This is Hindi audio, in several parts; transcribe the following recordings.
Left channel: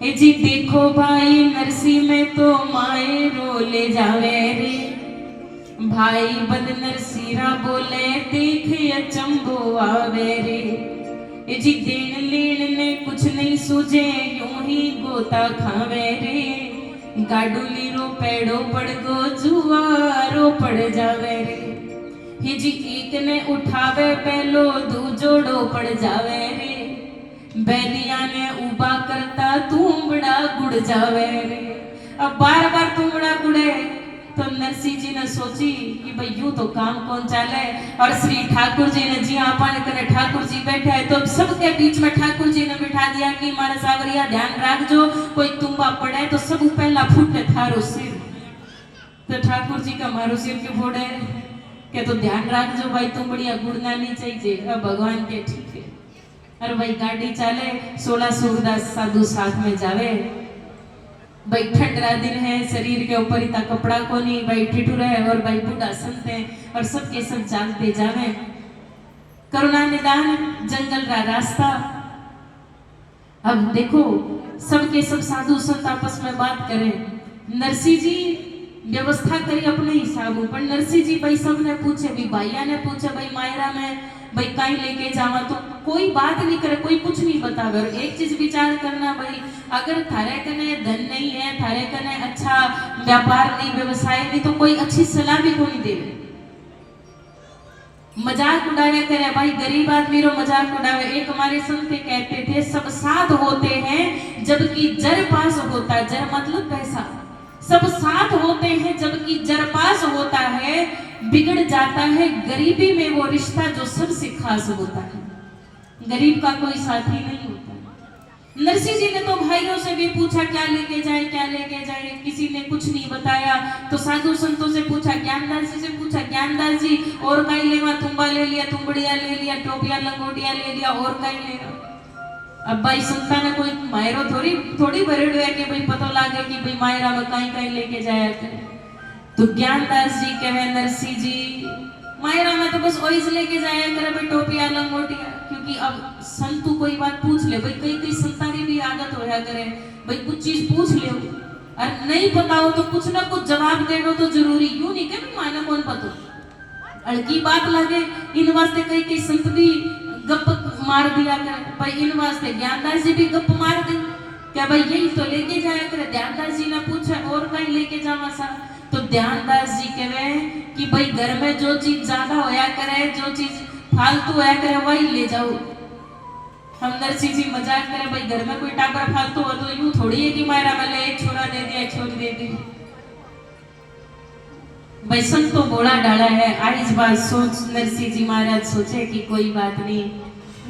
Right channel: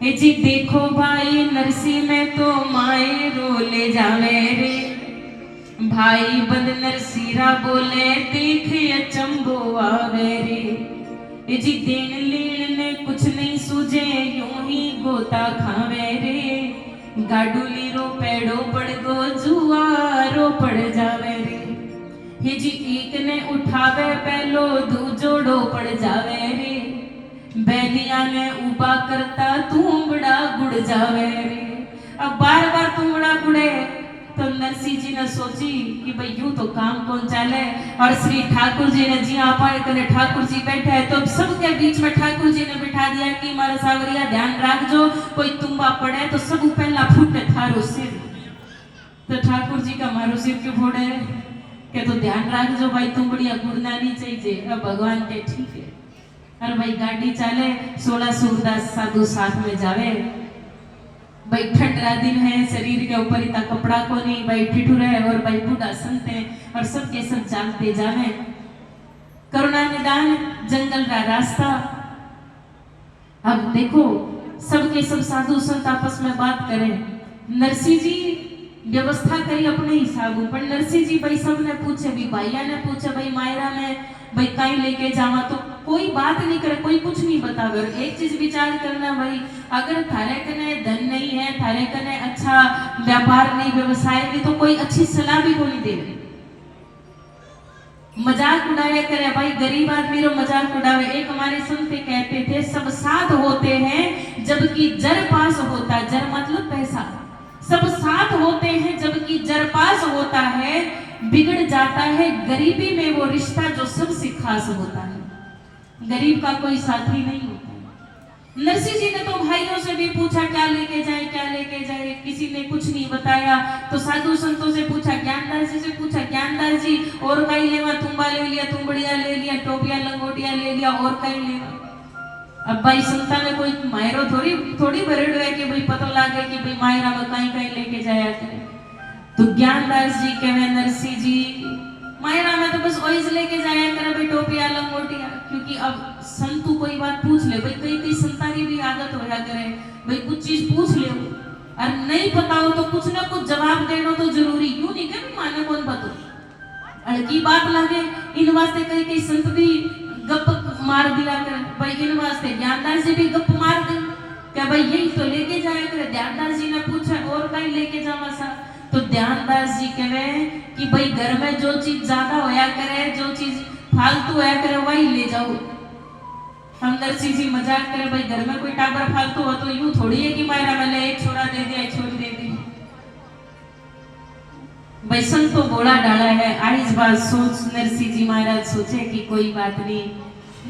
ए जी देखो भाई नरसी में तो माए रोले जावे रे, भाई बंद नरसीरा बोले देखे अचंबो आवे रे। ए जी देन लेन ने कुछ नहीं सूझे यूं ही गोता खावे रे, गाडूली रो पेड़ो पड़ गो जुआरो पड़ जावे रे। हे जी एक ने उठावे पहलो दूजोड़ो पड़ जावे रे, बैलिया ने उबा करता तुमड़ा गुड़ जावे रे। अब बार बार तुमड़ा गुड़े तो नरसिंह जी ने सोची कि भाई यूं तो काम कौन चाले, और श्री ठाकुर जी ने जी आप आए करे ठाकुर जी बैठे है तो सबके बीच में ठाकुर जी ने बिठा दिया कि मारे सावरिया ध्यान रखजो कोई तुम्बा पड़े तो सब पहला फूटे थारो सिर। तो ठाकुर जी का मारो सिर क्यों फोड़े के तो ध्यान रखजो भाई तुम बढ़िया गुड़ना नहीं चाहिए। भगवान के ठीक है। और भाई गाड़ी चाले 16 सूरदास साधु साथ में जावे, भाई ठंडा दिन है शरीर के ऊपर इतना कपड़ा को नहीं भाई ठिठुर है, और भाई बूढ़ा संत है और सबके सब चालते जावे। करुणा निदान जंगल का रास्ता। अब देखो सबके सब साधु संत आपस में बात करें। नरसिंह जी व्यवस्था करी अपने हिसाब पर। नरसिंह जी भाई सबने पूछे भी भाइया ने पूछे भाई मायरा में भाई कहीं लेके जावा तो कोई बात नहीं करे, कोई कुछ नहीं बतावे। एक चीज विचार करना भाई अगर थारे कने धन नहीं है, थारे कने अच्छा व्यापार नहीं व्यवसाय नहीं तो कोई अच्छी सलाह भी कोई दे। मजाक उड़ाया करे भाई गरीब आदमी रो मजाक उड़ावे। एक हमारे संत कहते थे सब साथ होते हैं जबकि जर पास होता, जर मतलब पैसा। सब साथ होते हैं जबकि जर पास होता है, बिगड़ जाता है गरीबी में वो रिश्ता जो सबसे खास होता है। गरीब का कोई साथी नहीं होता। नरसिंह जी ने तो भाइयों से भी पूछा क्या लेके जाए क्या लेके जाए, किसी ने कुछ नहीं बताया। तो साधु संतों से पूछा, ज्ञानदास जी से पूछा, ज्ञानदास जी और कहीं लेवा, तुम्बा ले लिया, तुम्बड़िया ले लिया, टोपिया लंगोटिया ले लिया, और कहीं लेवा। अब भाई संता ने कोई मायरो थोड़ी भरेड़ है कि भाई पता लागे कि भाई मायरा में कहीं कहीं लेके जाया करे। तो ज्ञानदास जी कहे नरसिंह जी मायरा में तो बस वही लेके जाया करे भाई टोपिया लंगोटिया, क्योंकि अब संतु कोई बात पूछ ले भाई, कई कई संता की भी आदत हो जा करे भाई कुछ चीज पूछ ले और नहीं पता हो तो कुछ ना कुछ जवाब देना तो जरूरी। यूं नहीं कि माने कौन पता हल्की बात लगे। इन वास्ते कई कई संत भी गप मार दिया करे भाई, इन वास्ते ज्ञानदास जी भी गप मार दे क्या भाई यही तो लेके जाया करे। ध्यानदास जी ने पूछा और कहीं लेके जावा सा, तो ध्यानदास जी कहे कि भाई घर में जो चीज ज्यादा होया करे, जो चीज फालतू होया करे वही ले जाओ। हम नरसिंह जी मजाक करे भाई घर में कोई टाबर फालतू हो तो यूं थोड़ी है कि मायरा मैंने एक छोरा दे दिया एक छोरी दे दी। भाई संत तो बोला डाला है। आज बात सोच नरसिंह जी महाराज सोचे कि कोई बात नहीं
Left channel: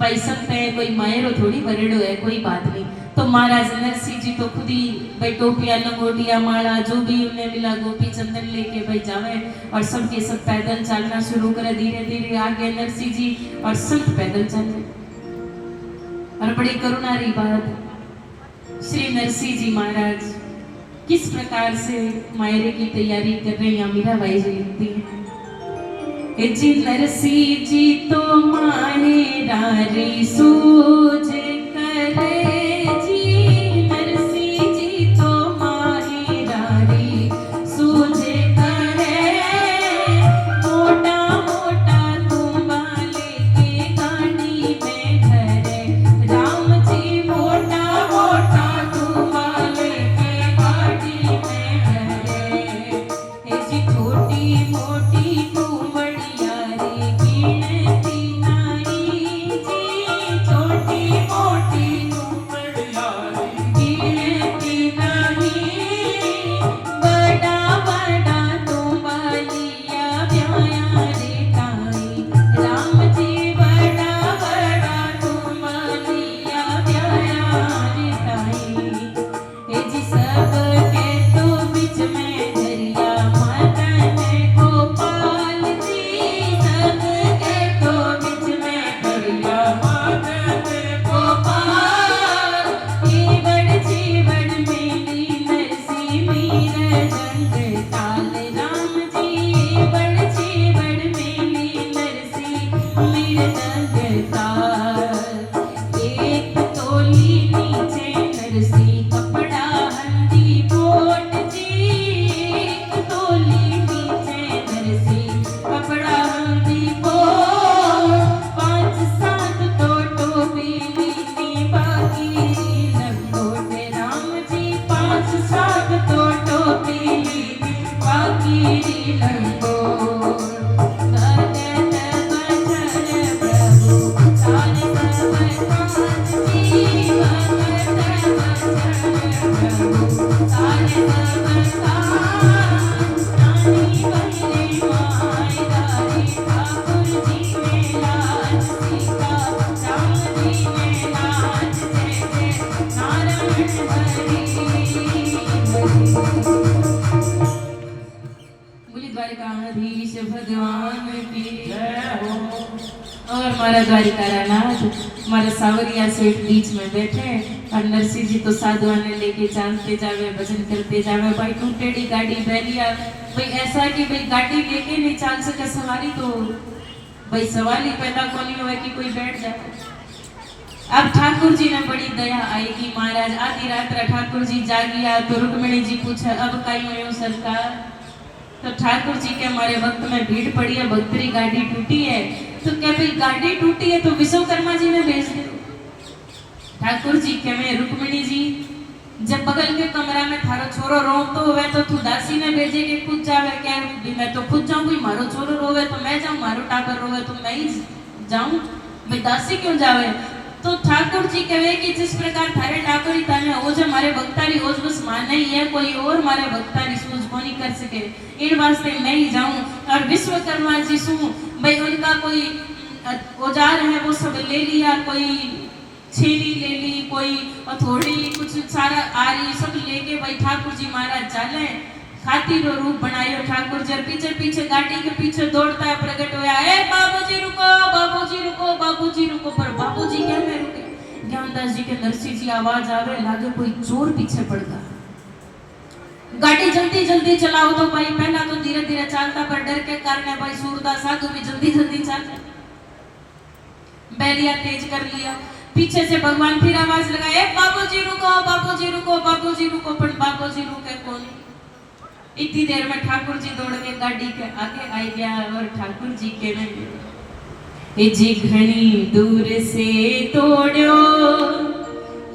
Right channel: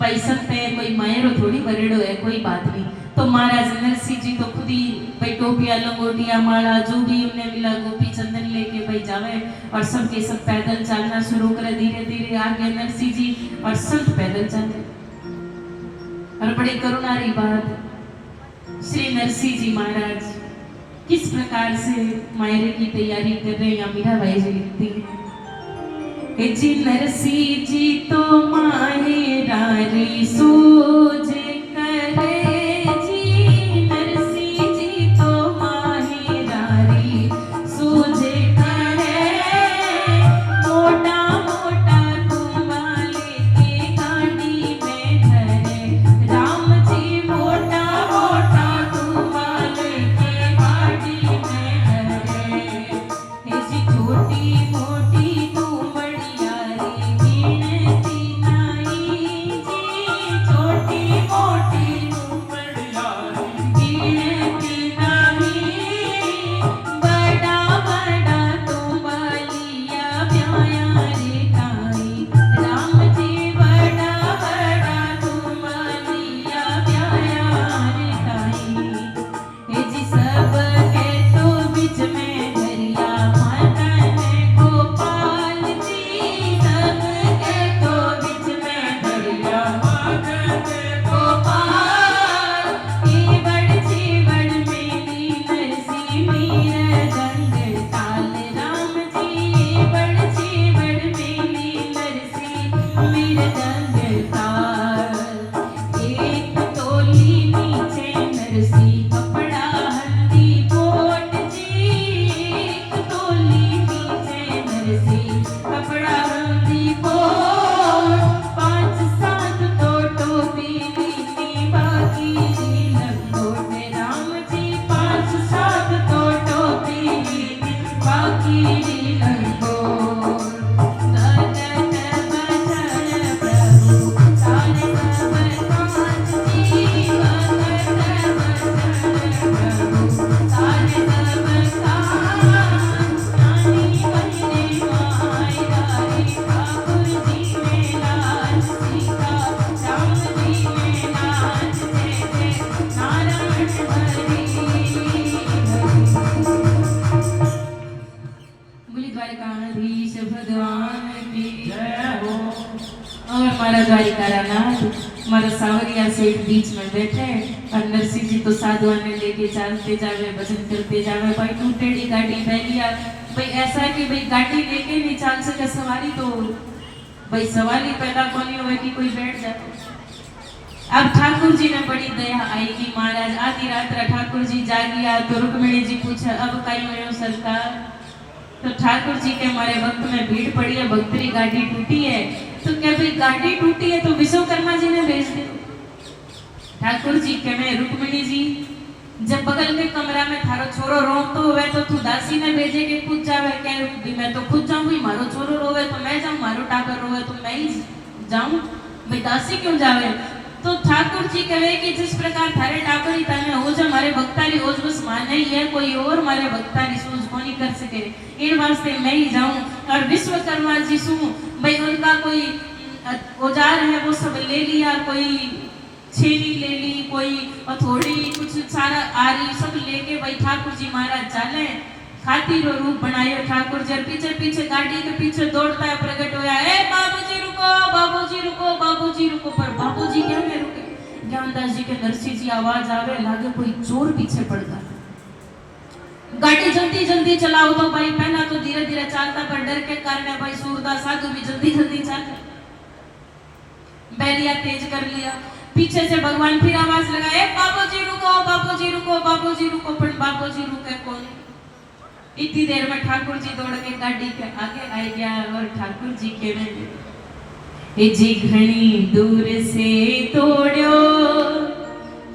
भाई संत है कोई मायरो थोड़ी बरेड़ो है, कोई बात नहीं। तो महाराज नरसिंह जी तो खुद ही भाई टोपिया लंगोटिया माला जो भी उन्हें मिला गोपी चंदन लेके भाई जावे और सबके सब पैदल चलना शुरू करे। धीरे धीरे आगे नरसिंह जी और संत पैदल चले। और बड़ी करुणारी बात श्री नरसिंह जी महाराज किस प्रकार से मायरे की तैयारी कर रहे हैं। मीराबाई जी लिखती है जी नरसिंह जी तो मायरा री सूझ करे जी, नरसिंह जी तो मायरा री सूझ करे, मोटा मोटा तुम्बा लेके गाड़ी में धरे, राम जी मोटा मोटा तुम्बा लेके गाड़ी में धरे, जी छोटी मोटी तुमड़िया रे गिनती नहीं जी, छोटी बोली द्वारकाधीश भगवान की जय हो। और मारा द्वारिका नाथ, मारा सावरिया सेठ बीच में बैठे और नरसिंह जी तो साधुआ ने लेके चलते जावे, भजन करते जावे। भाई टूटेड़ी गाड़ी बैलिया, भाई ऐसा कि भाई गाड़ी लेके नहीं चल सके सवारी, तो भाई सवाल ही पैदा कोनी हुआ कि कोई बैठ जाए। अब ठाकुर जी ने बड़ी दया आई कि महाराज आधी रात ठाकुर जी जागिया तो रुक्मिणी जी पूछा अब कई हो सरकार। तो ठाकुर जी के हमारे वक्त में भीड़ पड़ी है, भक्तरी गाड़ी टूटी है। तो क्या भाई गाड़ी टूटी है तो विश्वकर्मा जी ने भेज दी। ठाकुर जी कहे रुक्मिणी जी जब बगल के कमरा में थारो छोरो रोतो हुए तो तू दासी ने भेजे के पूछ जावे के मैं तो पूछ जाऊंगी, मारो छोरो रोवे तो मैं जाऊं, मारो टाबर रोवे तो मैं ही जाऊं, भाई दासी क्यों जावे। तो ठाकुर जी कहे कि जिस प्रकार थारे टाकरी ताने हो जो मारे भक्तारी हो बस माने ही है, कोई और मारे भक्तारी सूझ को नहीं कर सके, इन वास्ते मैं ही जाऊं। और विश्वकर्मा जी सु भाई उनका कोई औजार है वो सब ले लिया, कोई छेनी ले ली, कोई हथौड़ी, कुछ सारा आरी सब लेके भाई ठाकुर जी महाराज चले। खातिर रूप बनायो ठाकुर जी, पीछे पीछे गाड़ी के पीछे दौड़ता है प्रकट होया, ए बाबूजी रुको, बाबूजी रुको, बाबूजी रुको। पर बाबूजी क्या में रुके, ज्ञानदास जी के नरसिंह जी आवाज आवे लागे कोई चोर पीछे पड़ गया। गाड़ी जल्दी जल्दी चलाओ तो भाई, पहला तो धीरे धीरे चलता पर डर के कारण भाई सूरदास साधु भी जल्दी जल्दी चल, बैरिया तेज कर लिया। पीछे से भगवान फिर आवाज लगाए, बाबूजी रुको, बाबूजी रुको, बाबूजी रुको। पर बाबूजी रुके कौन। इतनी देर में ठाकुर जी दौड़ के गाड़ी के आगे आ गया और ठाकुर जी के में ए जी घणी दूर से तोड़ो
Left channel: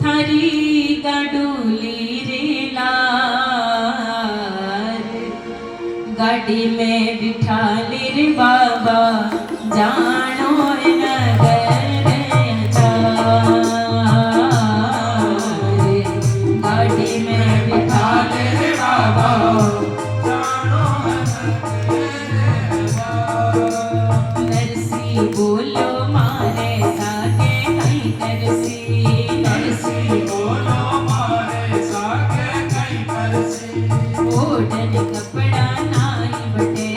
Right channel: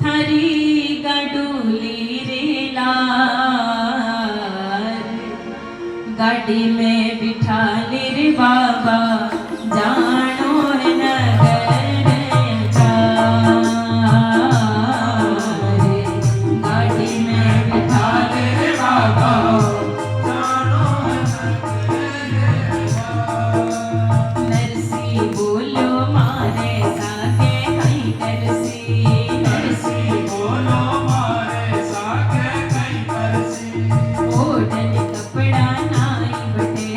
थारी गाडूली रे लार, गाड़ी में बिठा ले रे बाबा जानो नगर जा, गाड़ी में बिठा ले रे बाबा जानो नगर जा। नरसी बोलो मारे सागे कहीं नरसी, नरसी बोलो मारे सागे कहीं नरसी, ओढ़न कपड़ा नाई बटे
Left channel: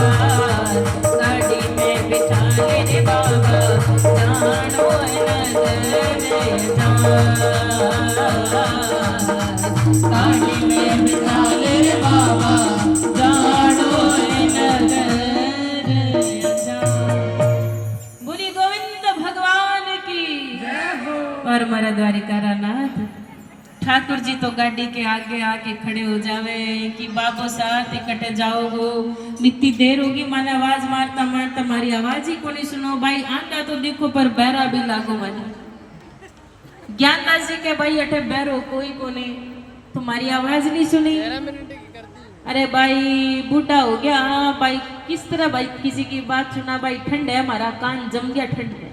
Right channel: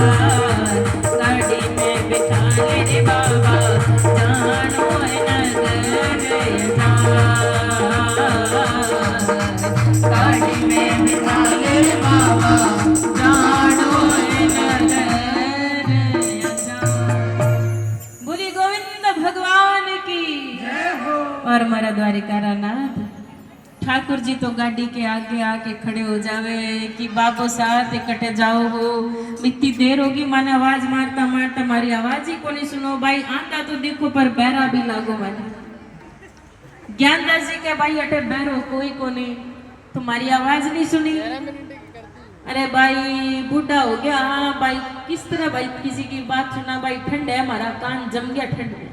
गाड़ी में बिठा ले रे बाबा जानो नगर गाड़ी में बिठा ले रे बाबा जानो नगर बोली गोविंद भगवान की और मरा द्वारिका नाथ ठाकुर जी तो गाड़ी के आगे आके खड़े हो जावे कि बाबू साथ इकट्ठे जाओ हो इतनी देर होगी माने आवाज मारता मारता मारी आवाज ही को नहीं सुनो भाई आंका तो देखो पर बहरा भी लागो माने ज्ञानदास जी के भाई अटे बहरो कोई को नहीं तुम्हारी आवाज नहीं सुनी अरे भाई बूढ़ा हो गया हाँ भाई किस तरह भाई किसी की बात सुना भाई ठंड है हमारा कान जम गया ठंड है